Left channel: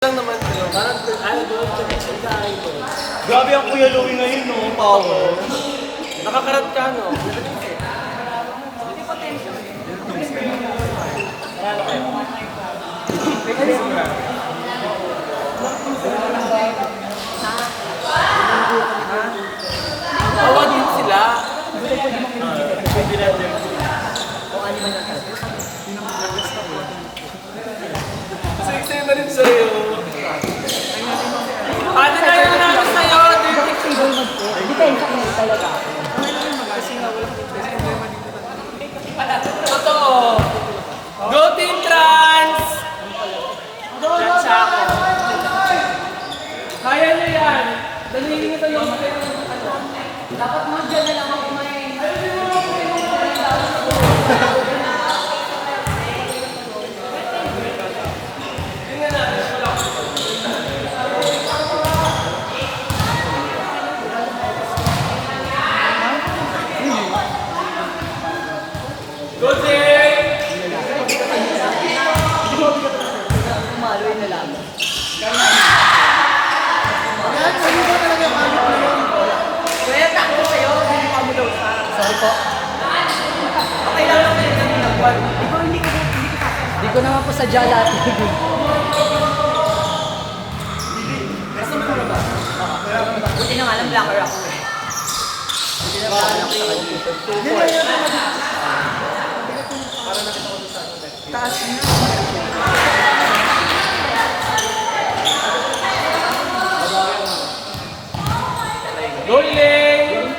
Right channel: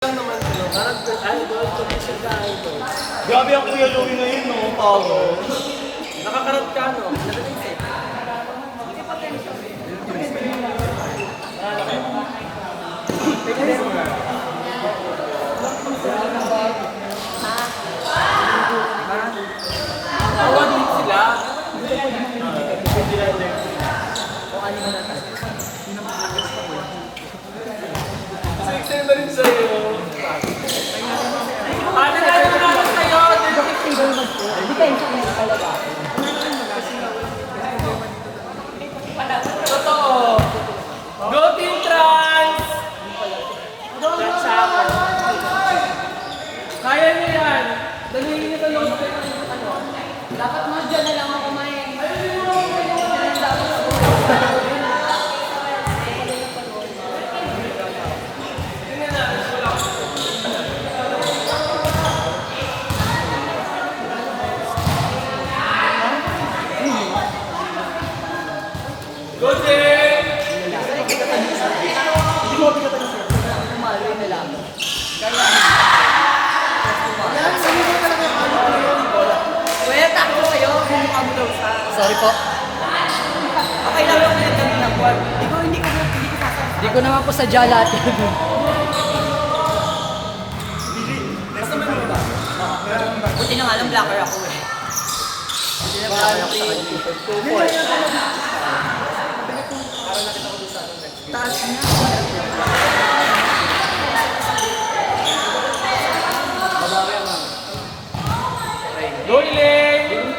Lang naman sa'yo. Parang idol, sa idol. Grabe ang Kuya Louie ngayon, no? Power. Nakakarat ka, no? Paralo kayo. Tawa din sila. O ano mo na tayo? Sexy na rin sa'yo. Ano na yun lang sa'yo? Hindi kayo sa akin talaga ako. Totoo. Go Team Trans! Trans ako. Kaya nyo yan. Dalihin nyo sa long play ng ano. Dapat mo dyan na lang ako may... Ayun mo lang. Tingnan natin. Wala ko. Go Team! Umaloy na lang. Wait, ako kayo. Sorry po. Kailangan ko na kami nagwal. Hindi ko naman po sadya lahat. Basta mo ba? Buti nung alam, blocker ako eh. Go Elaine!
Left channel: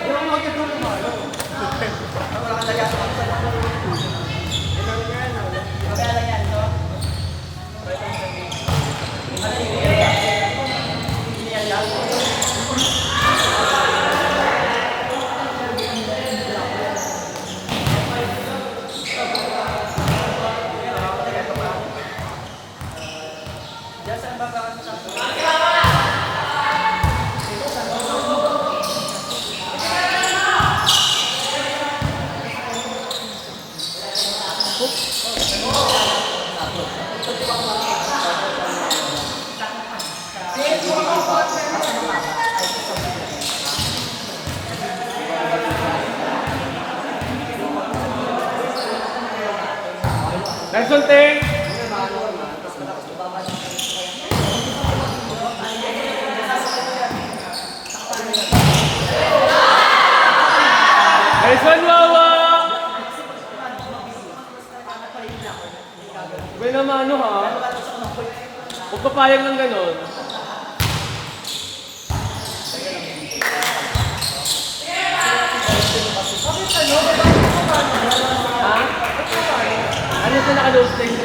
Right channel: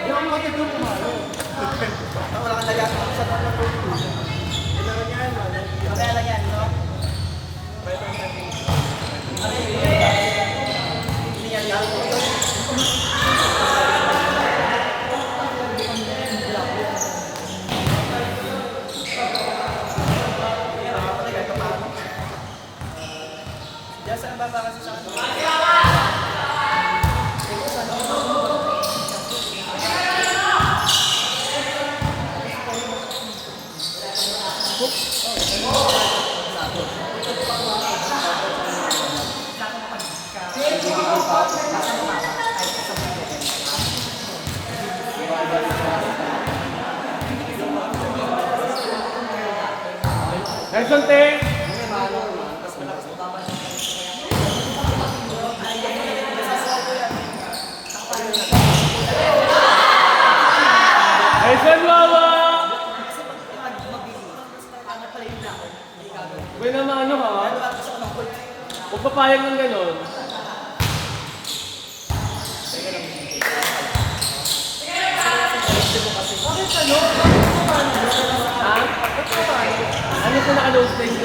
Nelson Ting! Nelson Wawa! May naman ano ha? Huwag papayag ng ganon. Ha? Ano sa naka-low stage?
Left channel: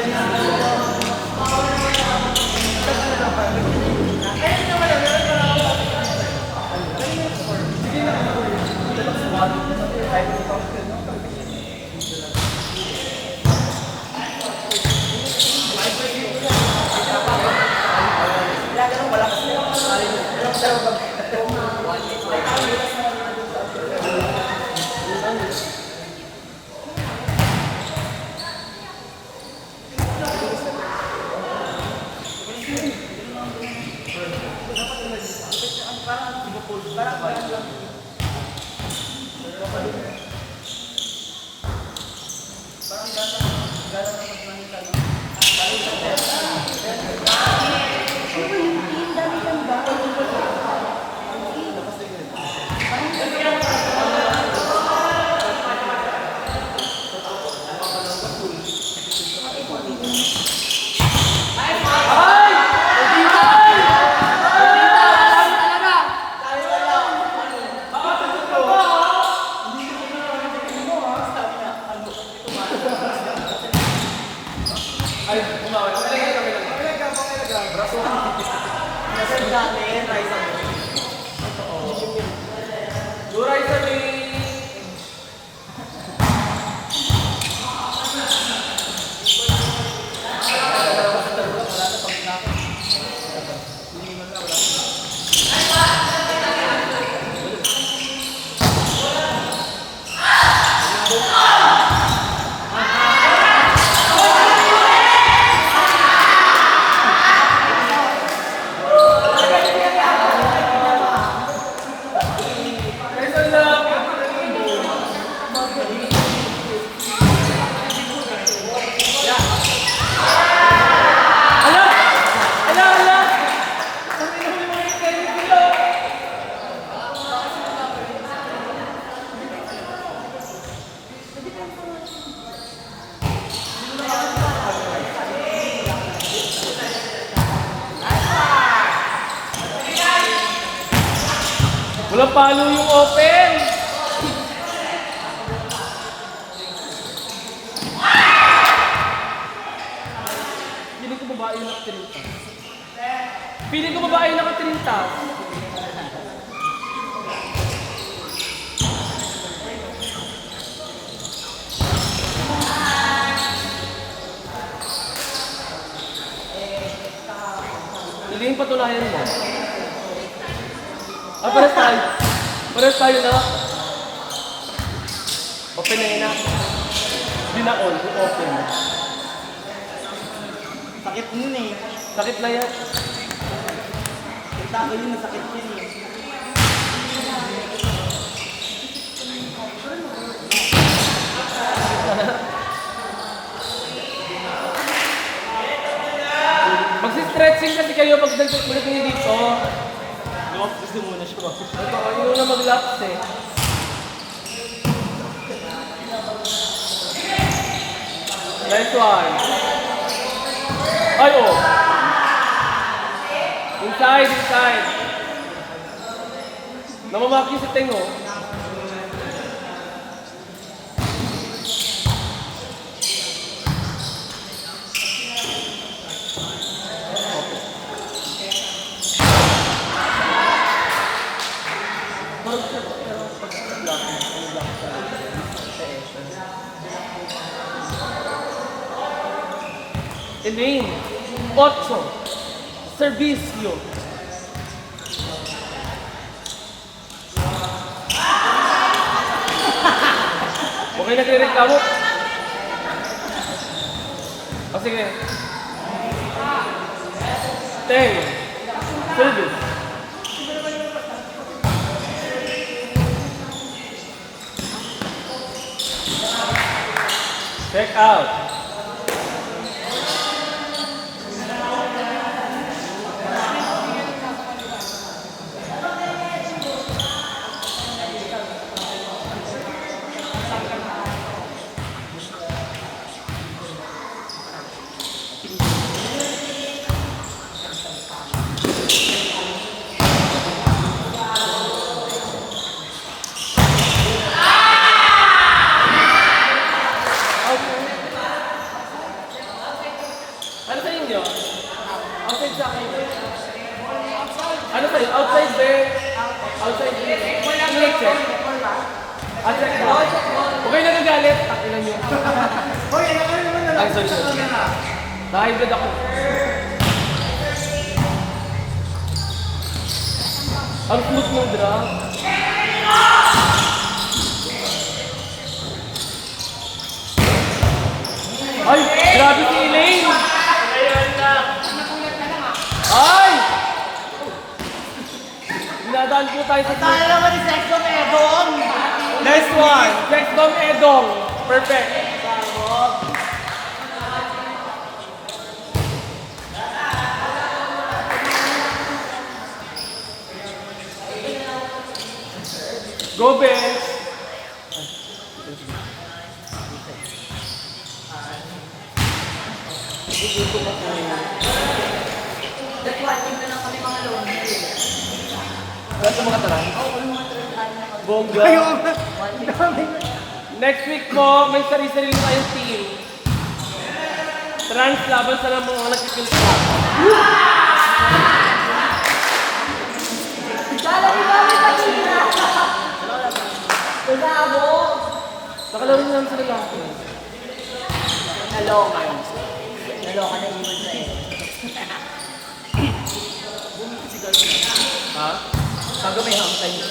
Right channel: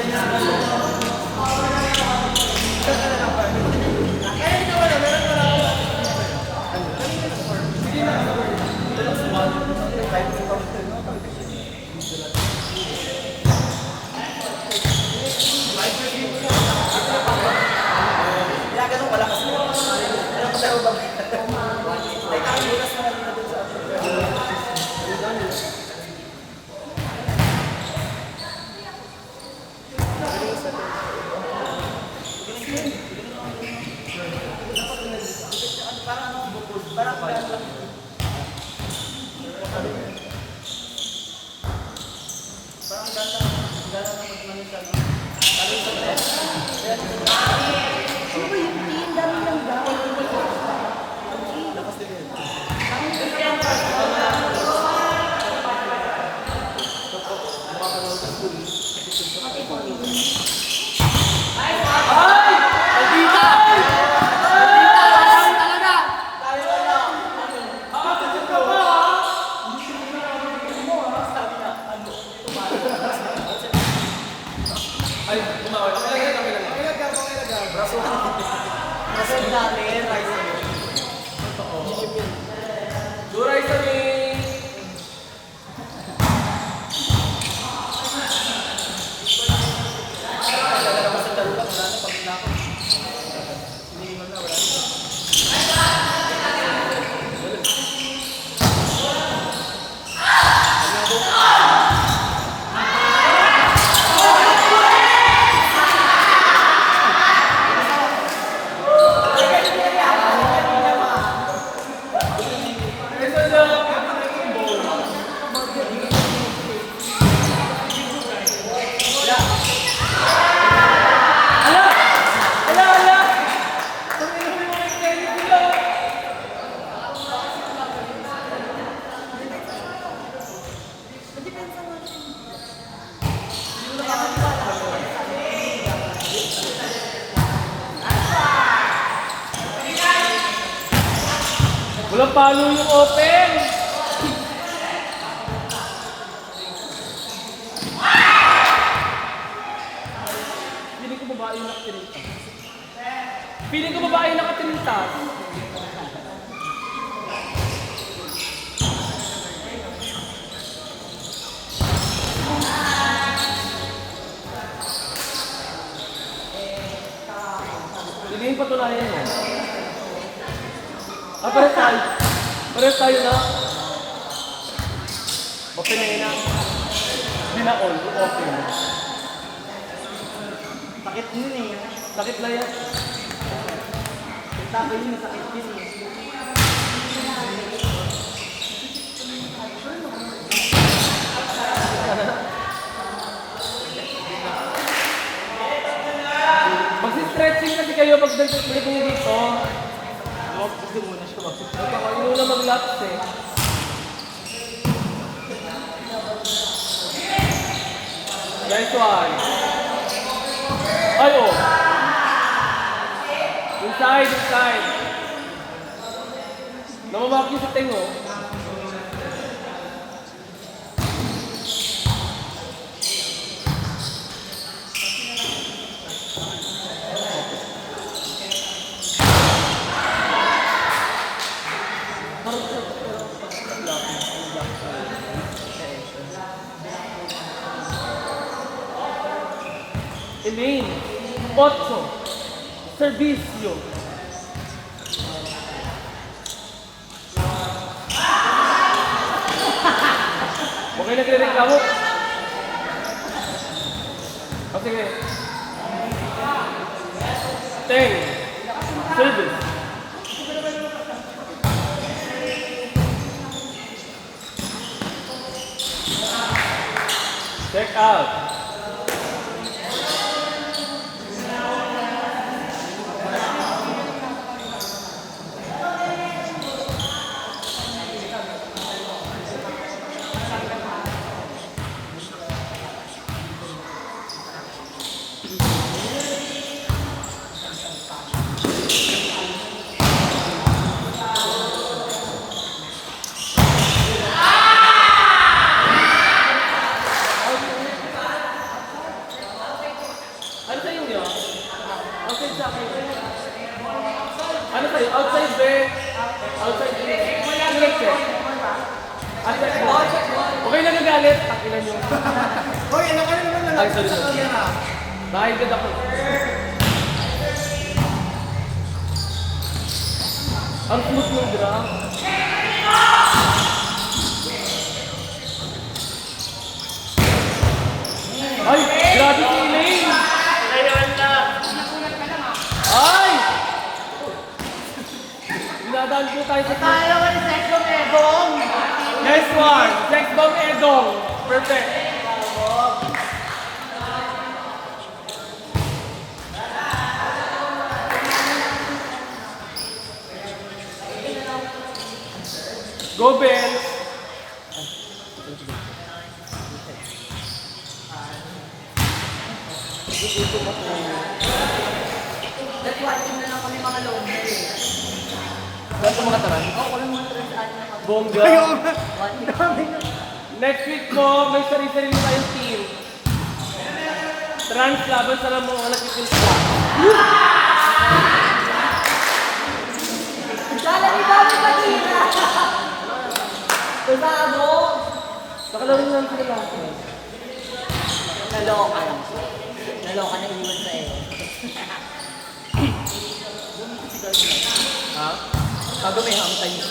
Duray sa Walang palo yung open! Feeling ko babae yung nakatinita. Feeling ko babae yung nakatinita. Hindi yung patunayan mo. Pares tayo. Pares tayo na. Open na yun na. Hindi na on. Open. Sakit nun eh. Sakit na yan. Kita ko yun, masakit yun eh. Magsi-stretching kasi kayo pag balik niyo dito. Gusto muna siya. Ito ko, yun na mag-lapse eh. Nice one. Ay, oh. Inside, inside. Namamaki si Tengo. Elaine, 8, servicio. Okay na nagreklamo? O sige. 10, service. Check out. Ano sa inyo? Outside sa akin. Ano sa'yo? Outside there? Outside there? Ingat check. Check mo. Okay lang nagalit. Takilan niyo. Ay, sorry. Nakahigad ako. Ang smooth ng bra. Ay! Grabe si Elaine! Ay! Dinadaan po tayo sa team. Ano naman yung sex bomb Edong? Next one! Sex bomb Edong. Perfect. Go, Ben! That's why, yun na lang kami mga loob. Lahat ng mga taran? Bongga. Next week po, may sarili-sarili tayong team. Trans laban sa mga nagkikilsa. Nakalaro nyo lang sila lang. Naloka na iwan sa iyo. Ha? Sabi may hangtay nyo.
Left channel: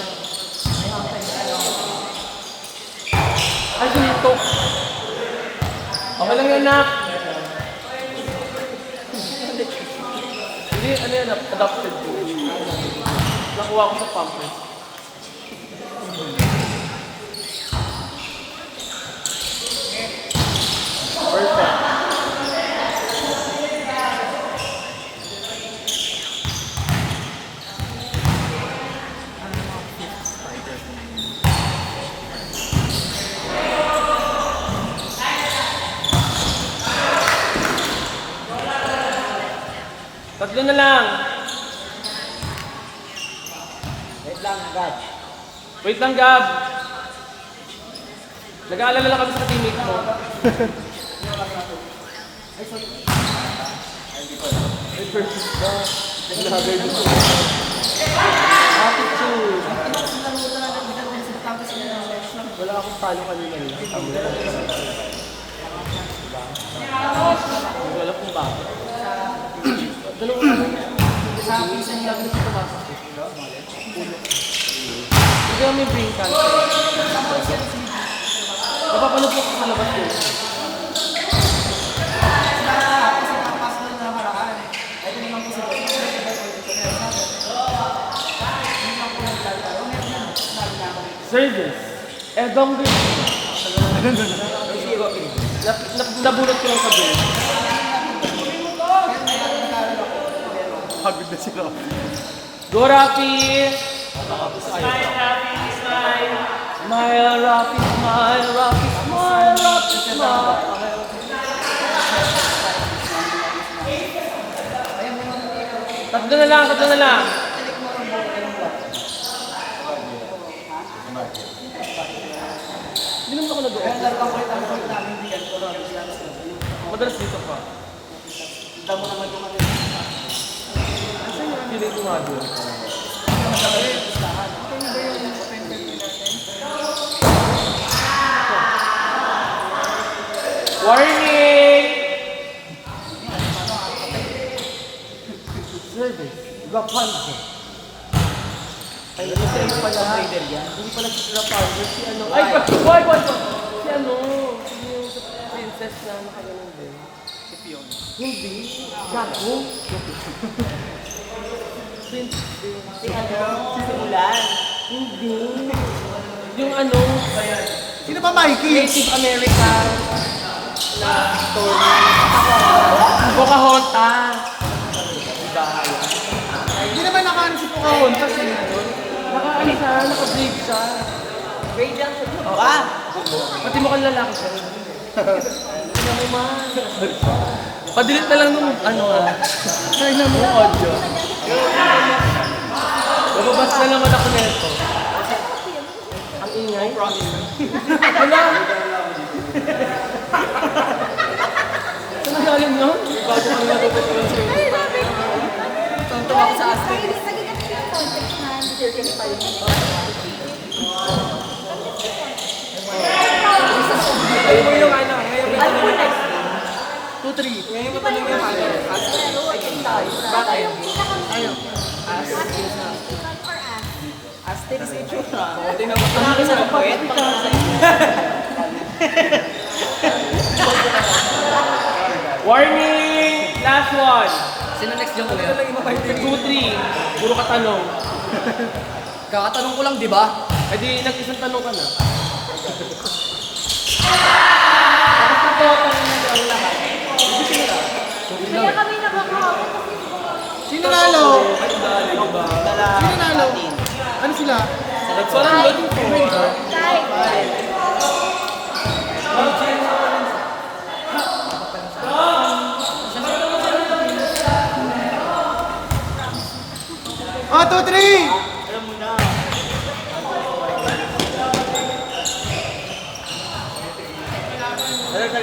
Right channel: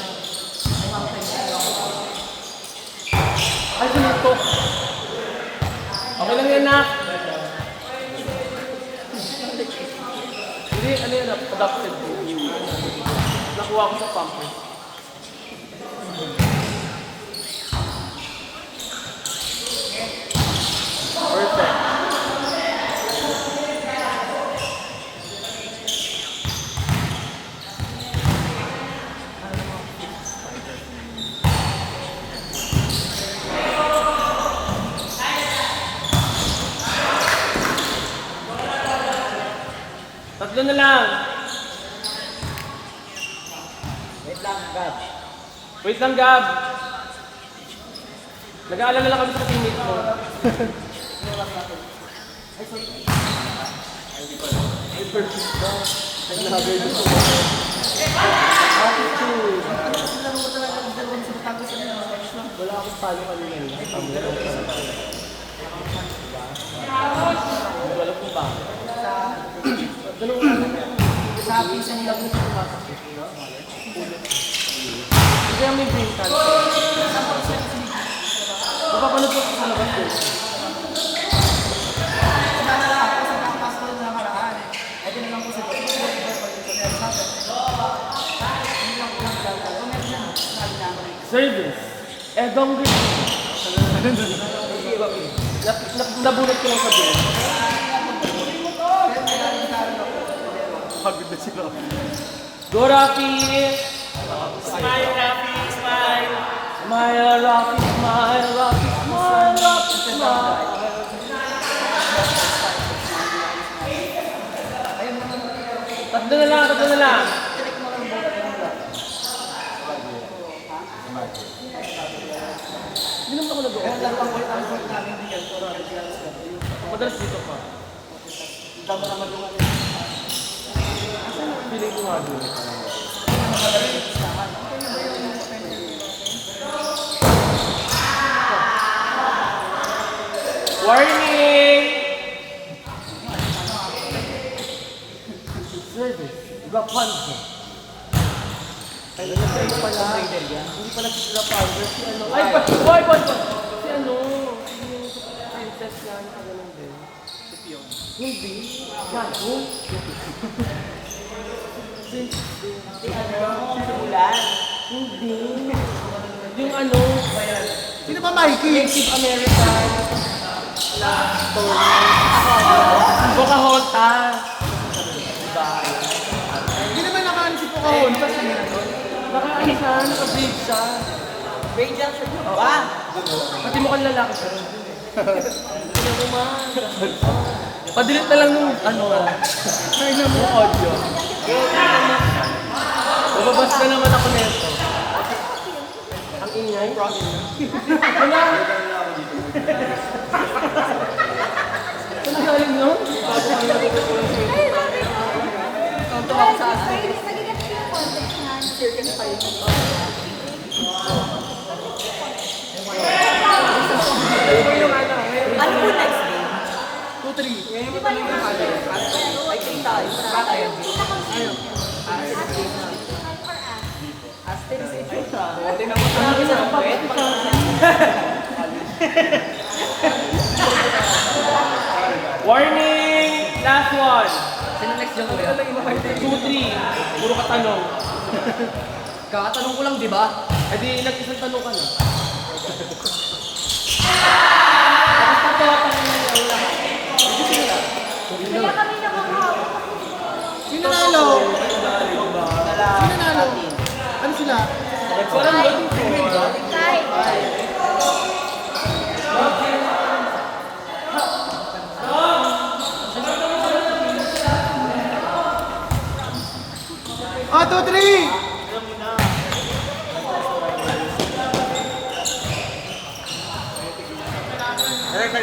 Ay, dito. Okay lang yan, nak. Hindi, ano yan, adopted. Nakuha ko sa pampers. Perfect. Tatlo na lang. Wait lang, agad. Wait lang, Gab. Nag-aalala lang kami sa teammate mo. Ay, perfect ba? Naglagay dito. Attitude. Wala akong talo kanina. Hindi alam kung ba. Dalawang ano. Sa pisa niya ako sa pumasok. Hindi kami brain cancer. Napapanood ko sa labas din. Service. Edong rin. Nabunot ko lang sa bin. Pagod na sila. Go, Rafi! Smile, Rafi, smile! Smile, Rafi, smile, Rafi, smile, Rafi, smile! Tatlo na lang, tatlo na lang. Hindi naman ako nag-o. Madalas dito pa. Damo naman yung ano. Hindi ko nga doon. Warning! Service. Rapunzel. Ay, hindi pala. Hindi pala si Rapunzel. Si ano. Ay, boy! Si ano. Yung princess na nakaganon din. Si Pion. Hindi. Gago. Hindi. Yung ano. Sino ba Mikey? Native American na story. Pocahontas. Diba? Hindi naman nakaano si Pocahontas. Naka-ano siya, naka-brave siya. Grade lang siya. Oo. Pati mukhang lalaki siya. Padilit na lang nung ano ah. Try na mo audio. Bababas na naman ako nito. Ang ingay. Wala. Saan galing yun? Warning! Last one! Sino next yung kuya? 2-3. Puro katanong. Kakatanong ko lang, di ba? Eh di, nag-isang tanong ka na. Tapos na to, tanong na niya ang lahat. Kaya kami nakakaawit kasi Sino nalo? Sino nalo? Ano sila? Walang loading po. Oh, 2-3!